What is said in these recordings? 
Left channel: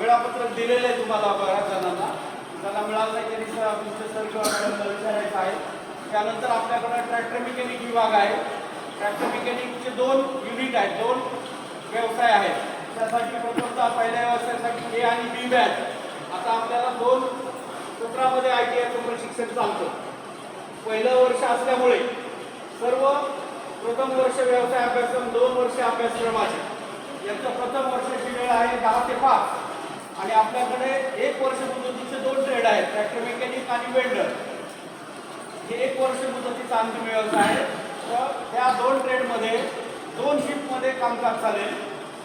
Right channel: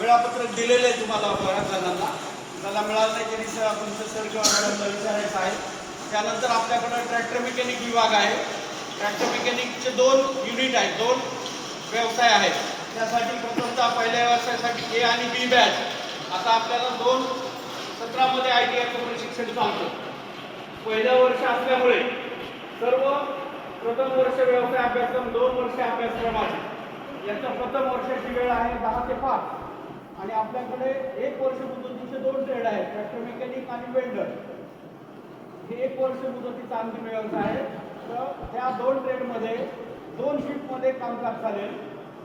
वेळापत्रक दिलेलं आहे तुम्हाला बऱ्याच जणांना. ज्याला मिळालं नाही त्यांनी तुमचं सर किंवा मॅडमला विचारायचं आहे. त्यानंतर आपल्याकडं ट्रॅक्टर मेकॅनिक विभाग आहे. ट्रॅक्टर मेकॅनिकचे 2 युनिट आहेत, 2 व्यवसाय आहेत. त्यासाठी प्रथमतः पहिल्या व्यवसायासाठी ए आणि बी बॅच. आता आपल्याला 2 सत्रामध्ये ITI प्रशिक्षण चालतं. पहिलं वर्ष असल्यामुळे सर्व प्रथम वर्ष व्यवसाय अभ्यासक्रम, 2 वर्ष अभ्यासक्रमाचे. याचं प्रथम वर्षाची वेळ आहे 10 ते 5 आणि आपल्याकडे 1 वर्ष मुदतीचे 2 ट्रेड आहेत, ट्रॅक्टर मेकॅनिक आणि वेल्डर. हे 1 वर्ष मुदतीचा अंतिम व्यवसाय आहे. तर त्या 2 ट्रेडमध्ये 2 शिफ्टमध्ये कामकाज चालेल.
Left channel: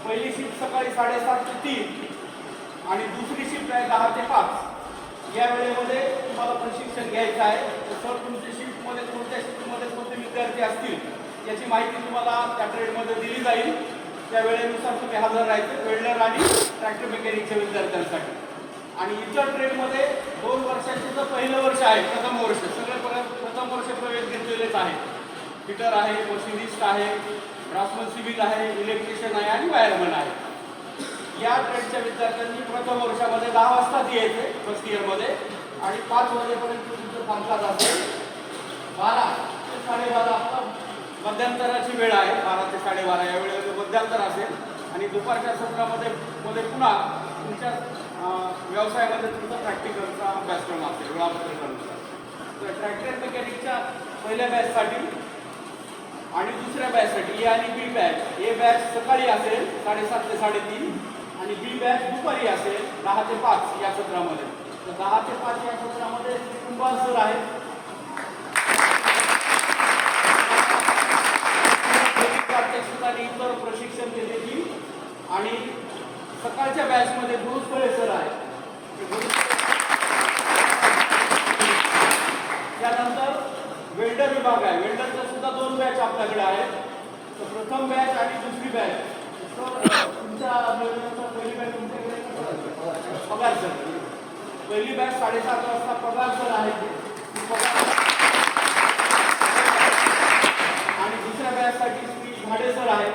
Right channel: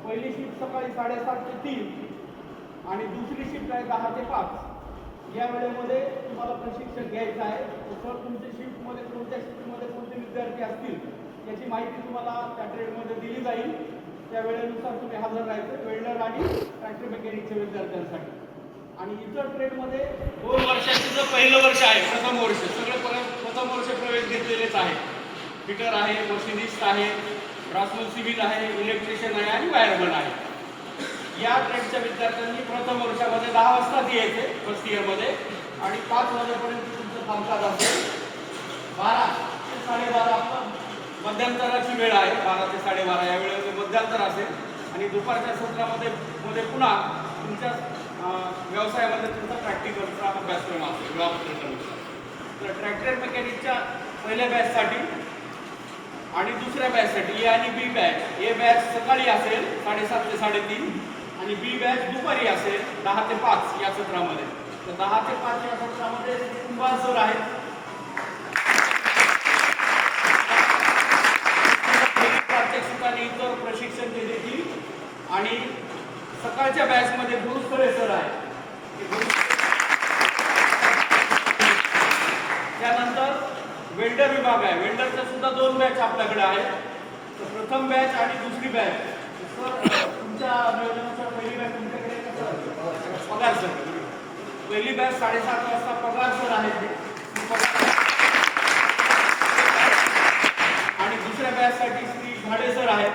पहिली शिफ्ट सकाळी 7:30 ते 3 आणि दुसरी शिफ्ट आहे 10 ते 5. या वेळेमध्ये तुम्हाला प्रशिक्षण घ्यायचं आहे. सर तुमच्या शिफ्टमध्ये कोणत्या शिफ्टमध्ये कोणते विद्यार्थी असतील याची माहिती तुम्हाला त्या ट्रेडमध्ये दिली जाईल. त्या वेळेनुसार तुम्ही हजर राहायचं, वेल्डर आणि ट्रॅक्टर मेकॅनिकच्या विद्यार्थ्यांसाठी. आणि इतर ट्रेडमध्ये 2 वर्षाचं जे पहिलं वर्ष आहे, प्रथम वर्ष, सगळं प्रथम वर्ष प्रवेश घेतलेलेच आहे. फिटर आहे, मशिनिस्ट आहे, ड्राफ्टमन सिव्हिल आहे, इलेक्ट्रिशियन आहे आणि वायरमन आहे. या ट्रेडच्या विद्यार्थ्यांनी प्रथम वर्षामध्ये 10 वाजताच यायचे फर्स्ट इयरमध्ये आणि 5 वाजेपर्यंत तुमचं कामकाज असेल. 12 ते 12:30 आपलं मध्यंतराची वेळ आहे. 12 ते 12:30 या वेळेमध्ये मध्यंतर असेल आणि दुपारच्या सत्रामध्ये पुन्हा तुमच्या व्यवसायामध्ये तुमचा प्रॅक्टिकलचा अभ्यासक्रम असेल वेळापत्रकानुसार. तर ट्रॅक्टर मेकॅनिकच्या पहिल्या बॅचसाठी आणि दुसऱ्या बॅचसाठी ए आणि बी बॅच. ए बॅच सकाळी असेल 7:30 ते 3:30 आणि बी बॅच दुपारी असेल 10 ते 5 या सत्रामध्ये. तर 10 ते 5 या सत्रामध्ये कुंभार सर आहेत, प्रात्यक्षिकाने इतर प्रशिक्षण देतील. आणि सकाळच्या बॅचमध्ये गुरुस्थळे सर आहेत. त्यानंतर वेल्डर विभाग आहे. वेल्डरच्या सुद्धा 2 बॅच आपल्याकडे आहेत. तर प्रथम बॅच आणि दुसरी बॅच. तुमच्या नियोजनानुसार पहिली बॅच तुमच्याकडे पगार सर. पहिली बॅच 7:30 वाजता पगार सर आहेत आणि दुसऱ्या बॅचसाठी श्री घाडे सर आहेत.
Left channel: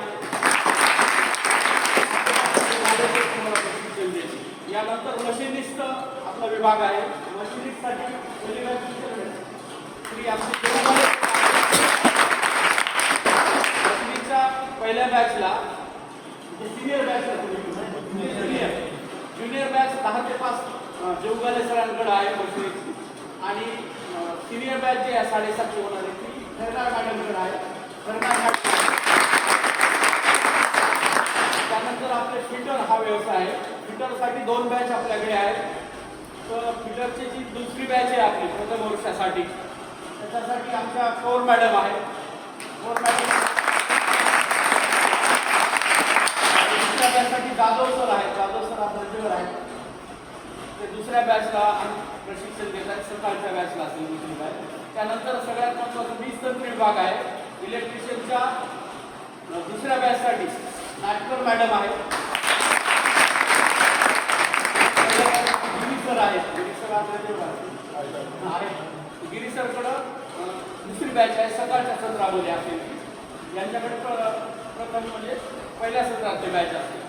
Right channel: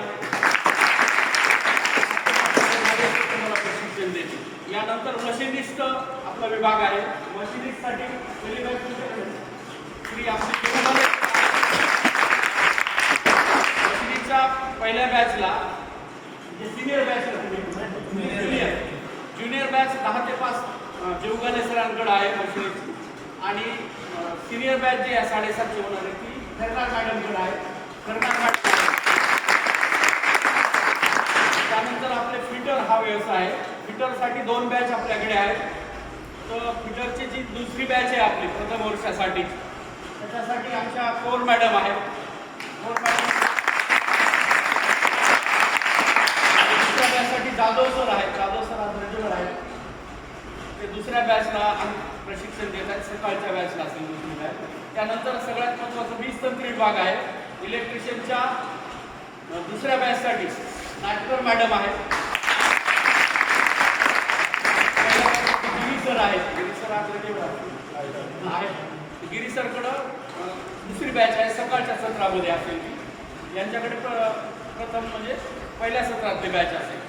तुम्हाला प्रशिक्षण देतील. यानंतर मशिनिस्ट आपला विभाग आहे. मशिनिस्टसाठी पहिली बॅच तुमच्याकडे श्री आमची मशिनिस्टच्या पहिल्या बॅचला सिनियर बॅच ज्युनियर बॅच 10 ते 5 जेवगाले सरांकडे आहे मशिनिस्टची. आणि सिनियर बॅच जी आहे 7:30 होणार आहे ती खैरनार मॅडमकडे आहे. त्यानंतर आपले फिटर हा व्यवसाय आहे. फिटरसाठी 2 बॅच आपल्याकडे आहेत. तर फिटरची जी दुसरी बॅच आहे आपली प्रथम वर्षासाठी, त्याच्यासाठी आमच्या कोर मॅडम आहेत. कोर मॅडम दुसऱ्या बॅचसाठी जाधव सर आहेत. जाधव सर आज रेग्युलर आहेत. ते दुसऱ्या बॅचला प्रशिक्षण देत आहेत. सकाळच्या बॅचला असेल दुसरी बॅच. त्यानंतर सगळ्यात महत्त्वाचं 20 तंत्री विभाग आहे. इलेक्ट्रिशियनच्या दुसऱ्या बॅचसाठी नाटकर मॅडम आहेत. गिरी सर आहेत. गिरी सर आपल्याकडे आहेत. गिरी सरकडं दुसरी बॅच आहे, सकाळच्या सत्रामध्ये असेल. यांच्याकडे प्रथम म्हणजे पहिल्या सत्रातले बॅच असेल.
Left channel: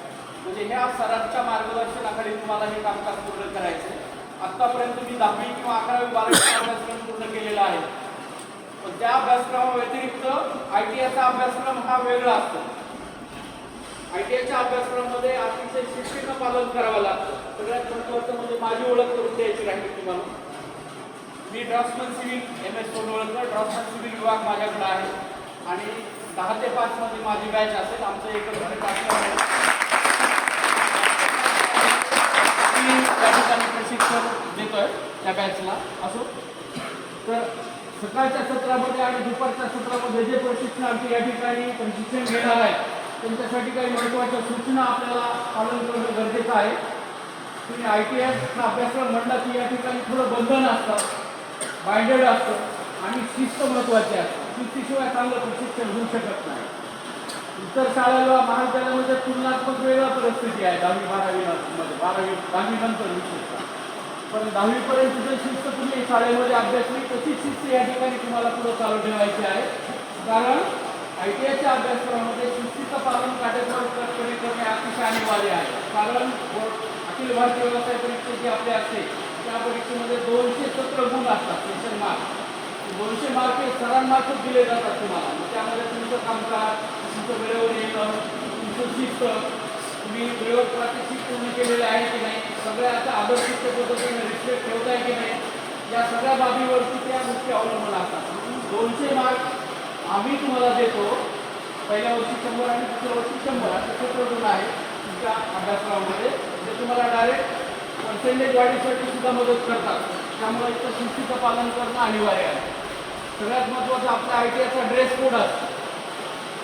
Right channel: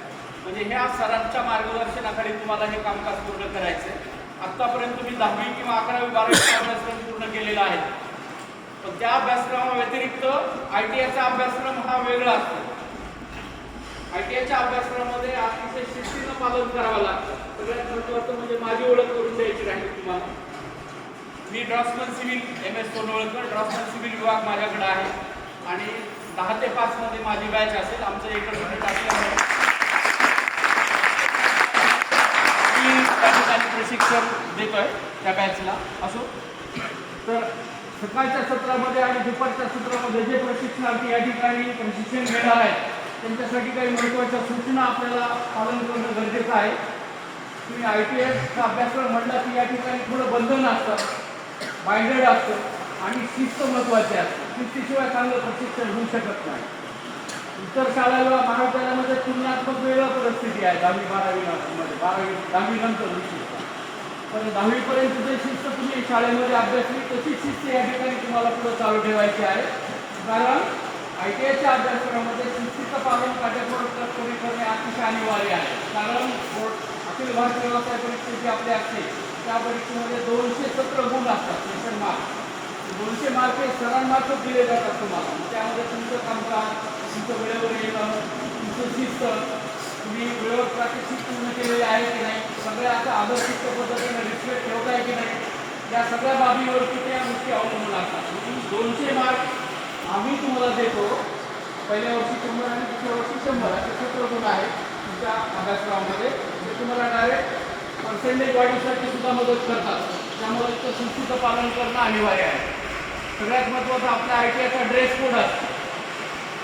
म्हणजे ह्या सरांच्या मार्गदर्शनाखाली तुम्हाला हे कामकाज पूर्ण करायचं आहे. आत्तापर्यंत तुम्ही 10वी किंवा 11वी 12वी अभ्यासक्रम पूर्ण केलेला आहे. पण त्या अभ्यासक्रमाव्यतिरिक्त ITIचा अभ्यासक्रम हा वेगळा असतो. ITIच्या अभ्यासक्रमामध्ये अतिशय शिस्तीचं पालन करावं लागतं. सगळ्यात महत्त्वाचं म्हणजे माझी ओळख करून द्यायची राहील तुम्हाला. मी ड्राफ्टमन सिव्हिल MS कोनवळकर, ड्राफ्टमन सिव्हिल विभाग माझ्याकडे आहे आणि 10 ते 5 मध्ये माझी बॅच असेल. आमचं एकच युनिट असल्यामुळे मी त्या ठिकाणी प्रशिक्षण देतोय त्या बॅचला असो. तर सकाळच्या सत्रामध्ये आणि दुपारच्या सत्रामध्ये जे प्रशिक्षणार्थी या ठिकाणी प्रशिक्षण घेणार आहेत त्यांच्यासाठी काही महत्त्वाच्या सूचना आपल्याला पालन करणं गरजेचं आहे. तुम्ही ITIचा अभ्यासक्रम म्हटला की या ठिकाणी थोडं बंधन असतं, बाइंडेड असतं आणि शिस्त महत्त्वाची असते. शिस्तीशिवाय चांगलं प्रशिक्षण होऊ शकत नाही. इतर शाळेला महाविद्यालयामध्ये तुलनात्मक वेगळा परिस्थिती आहे 10वी 12वी मध्ये, 10वी नंतर विशेषतः. पण 10वीपर्यंत जे शिस्त तुम्ही शाळेमध्ये अभ्यासली तशी शिस्त या ठिकाणी तुम्हाला पुढं चालू ठेवायची आहे. कारण ITIच्या अभ्यासक्रमामध्ये शिस्तीचा शिस्त पालन काटेकोरपणे करणे अतिशय अनिवार्य आहे. कारण अखिल भारतीय व्यवसाय परीक्षा जी आपली असते त्या परीक्षेमध्ये 200 सत्र गुण असतात, सेशन मार्क. 200 मार्क हे सरांमार्फत दिले जातात तुम्हाला. त्यामध्ये तुमचं कामकाज, तुमचं वेळेवर येणं, तुमचं शिस्त, तुम्ही वेळेवर प्रात्यक्षिक पूर्ण केलेले आहे की नाही, सगळ्या आदर्शित पद्धतीने रिस्पेक्ट ठेवताय की नाही, या सगळ्या बाबीवरती त्या गोष्टी अवलंबून असतात. म्हणून 200 मार्क आम्ही तुम्हाला देतो. पहिल्या वर्षी 100 आणि दुसऱ्या वर्षी 100 असे सत्र गुण आहे तुमच्या अभ्यासक्रमामध्ये. ते तुम्हाला डायरेक्ट पर्सेंटेज वाढीसाठी सुद्धा मदत करतात. त्यामुळे इथं शिस्तीचं पालन करणं अनिवार्य आहे. सगळ्यात महत्त्वाचं आपला ITIचा ड्रेस कोड असतो.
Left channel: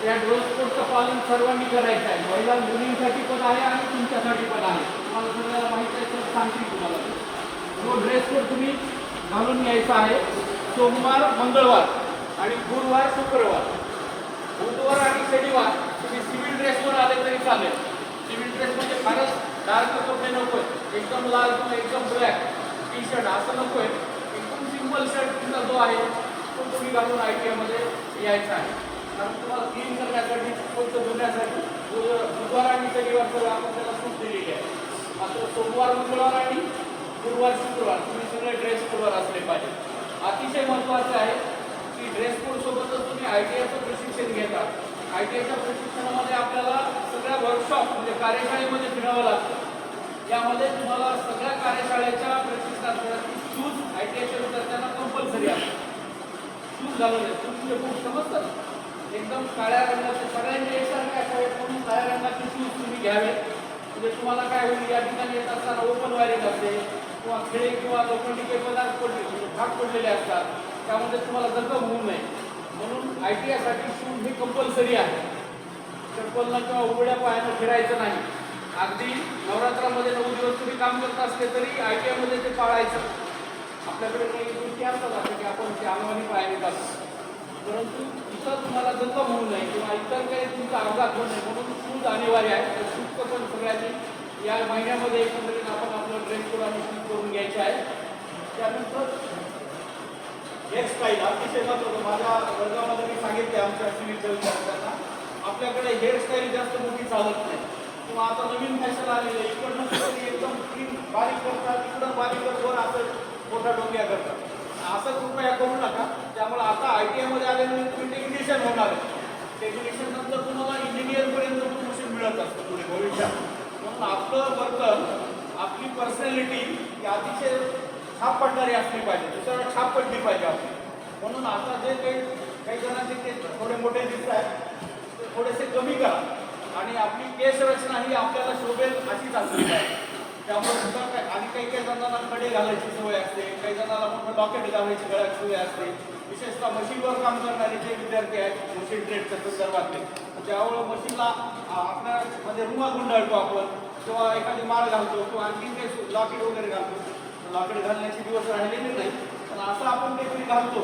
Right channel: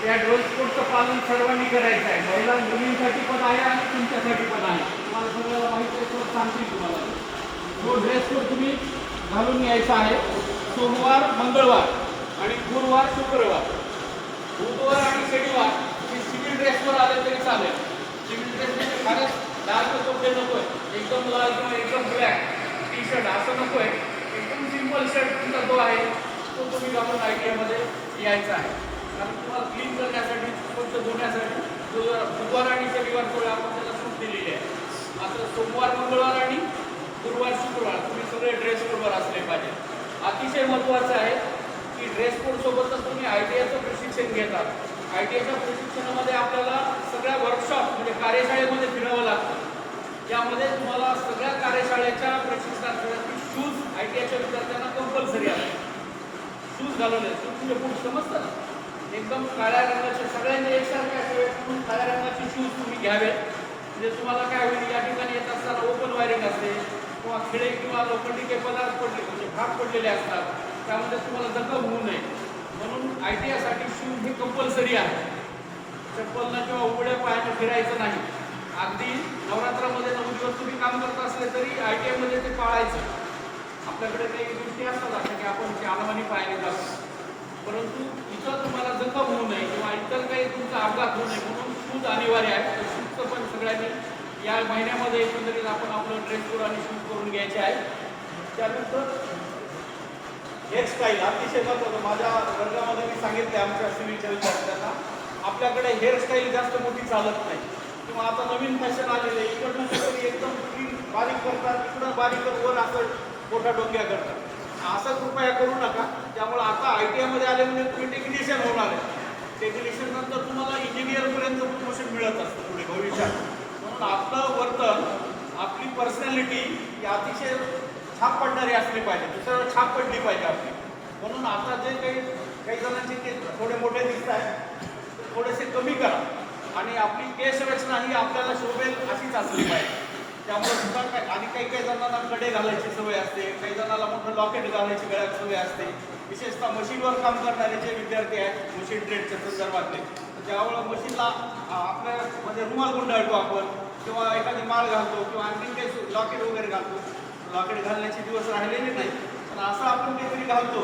या ड्रेस कोडचं पालन सर्वांनी करायचं आहे. महिला मुलींसाठी पण आहे आणि तुमच्यासाठी पण आहे. तुम्हाला सगळ्याला माहिती आहे तर सांगतील तुम्हाला. तो ड्रेस कोड तुम्ही घालून यायचा आहे. सोमवार, मंगळवार आणि गुरुवार, शुक्रवार. बुधवार आणि शनिवार तुम्ही सिव्हिल ड्रेसवर आले तरी चालेल. सिव्हिल ड्रेस म्हणजे फारच डार्क कपडे नको आहे, एकदम लाल किंवा एकदम ब्लॅक टी शर्ट असं नको आहे. एकदम सिंपल शर्ट तुमचा जो आहे तो तुम्ही घालून ITIमध्ये यायचा आहे. कारण तुम्हाला क्लीन करण्यासाठी, स्वच्छ धुण्यासाठी बुधवार आणि शनिवार आपण त्याला सूट दिलेली आहे. मात्र सोमवार, मंगळवार आणि गुरुवार, शुक्रवार तुम्ही सगळे ड्रेस कोडवर असले पाहिजे. अतिशय महत्त्वाचं आहे की ड्रेस कोड सोबतच तुम्ही ITIचं प्रशिक्षण घेता. ITIच्या प्रशिक्षणामध्ये आपल्याला सगळ्या वर्कशॉप म्हणजे कार्यशाळेमध्ये फिरावं लागतं. यामध्ये तुम्हाला सगळ्या कार्यशाळेच्या प्रशिक्षणासाठी शूज ITIच्या विद्यार्थ्यांना कंपल्सरी आहे. शूज घालवले, तुमचे बूट समजतात एकदम काळ्या रंगाचे, सगळ्यांनी एकसारखे असावेत म्हणून काळ्या रंगाचे शूज तुम्ही घ्यावेत. म्हणजे तुम्हाला काय होईल, या ठिकाणी येत असताना ओपन वायरिंग असते किंवा खिळे किंवा लोखंडी पदार्थ भाग पडलेले असतात, त्यामध्ये तुम्हाला जखम होऊ नये म्हणून ITIसाठी शूज हे कंपल्सरी आहे. चप्पलनं किंवा उघड्या पायानं फिरायचं नाही. अगदी नवरात्रामध्ये 9 दिवस तुम्ही काम करत असले तरी ITIमध्ये ते पाळायचं. आपल्याकडे काही गोष्टी असतात असं की आपण चालवानी पायाने जातो, परंतु इथं तुम्हाला जखम होऊ नये किंवा इतर काही तुमचा अपघात होऊ नये म्हणून शूज अनिवार्य आहे. तर शूजचं पण सगळ्यांनी या महिन्यामध्ये एकंदरीत आपण आपलं ड्रेस कोड आणि शूज करून घ्यायचे आहे. त्यानंतर हेअरस्टाईल अतिशय महत्त्वाचं. माझ्या वर्गामध्ये मी सांगितले आमच्या सिव्हिलच्या विद्यार्थ्यांना, आपल्याकडे हेअरस्टाईल जास्त मोठी चालत नाही किंवा आता नवीन फॅशन आलेलं आहे. इकडनं एकदम क्लीन बारीक करतात, इकडं बारीक वर असं मोठा डोक्या करतात. असं कृपया करू नका. त्यामुळे आता ITIमध्ये आले म्हणजे तुम्ही टेक्निशियन होणार आहे. टेक्निशियन नंतर तुम्हाला इंजिनियरपर्यंत प्रमोशन मिळत असतं पुढे भविष्यात. म्हणून आपलं वर्तन, आपली पर्सनॅलिटी ही अतिशय छाप पडणारी असली पाहिजे, दुसऱ्याला छाप पडली पाहिजे आपली. म्हणून आता जे काही जणांचे केस थोडे मोठे दिसत आहेत ते थोडेसे कमी करा आणि आपली केस रचना ही आपल्याला शोभेल अशीच असली पाहिजे. त्यामुळे सुद्धा काय, आणि काही जणांना कडे घालायची सवय असते, काही जणांना मोठं लॉकेट घालायची गळ्यात सवय असते. विशेषतः मशीनवर काम करणारे जे विद्यार्थी आहेत मशीन ट्रेडच्या संदर्भातले, ज्यावेळेला मशीनला आपल्यामध्ये रुमाल गुंडाळतो आपण किंवा एखादी माळ घालतो किंवा आणखी काही लॉकेट वगैरे घालतो. लॉकेट घालण्याचे दिवस राहिलेले नाही, पण असं आपण काहीतरी घालतो